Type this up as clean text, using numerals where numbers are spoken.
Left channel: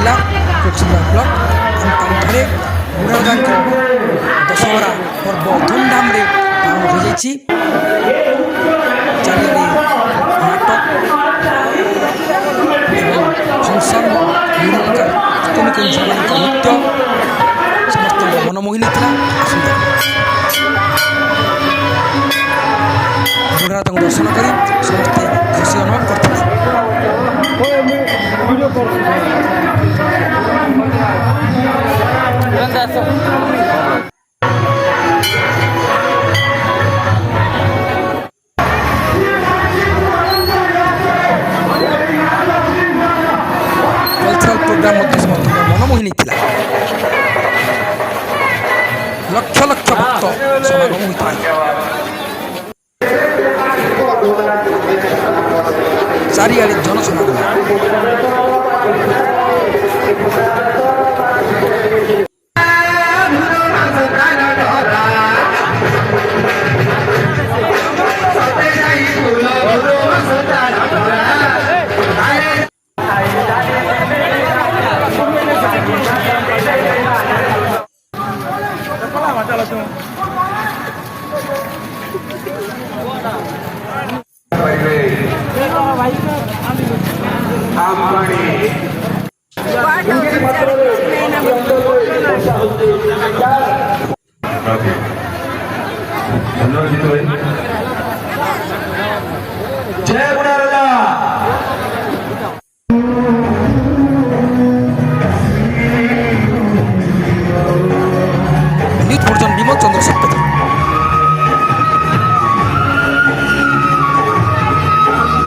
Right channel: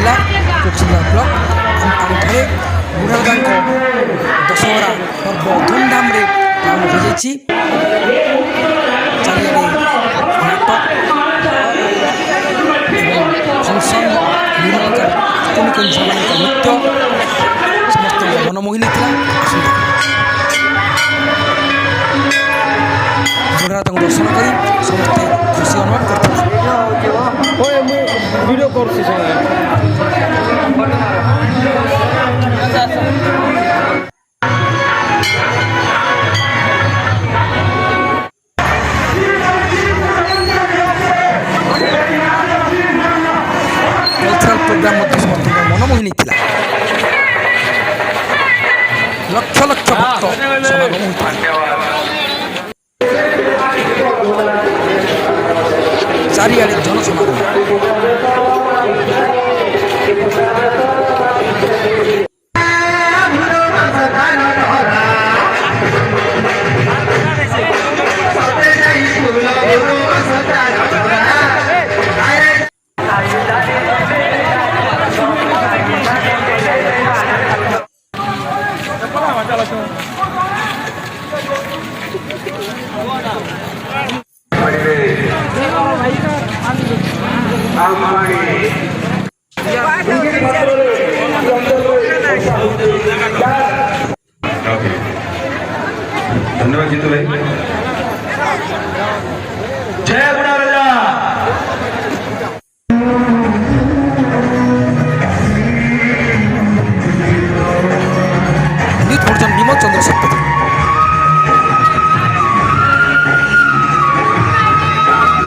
जिला कोकसदा ब्लॉक आमपाड़ी ठारे बुढ़ागा दशहरा पर्व धूमधाम पालन हो जाइए। चारिआडे नाटक एवं फंक्शन विभिन्न प्रकार कुनि कुनि झील मान नृत्य समस्त मनमोहिनी था। आसता बुढ़ागा दर्शन कर समस्ते खुशी अनुभव करते। कल्चरल प्रोग्राम समस्त मनमोहिनी था। लक्ष लक्ष भक्त समागम होता चारिआडे जनसमागम। धन्यवाद जीतू भाई। जय बुढ़ाराजा। विमल चंद्र शतपथी।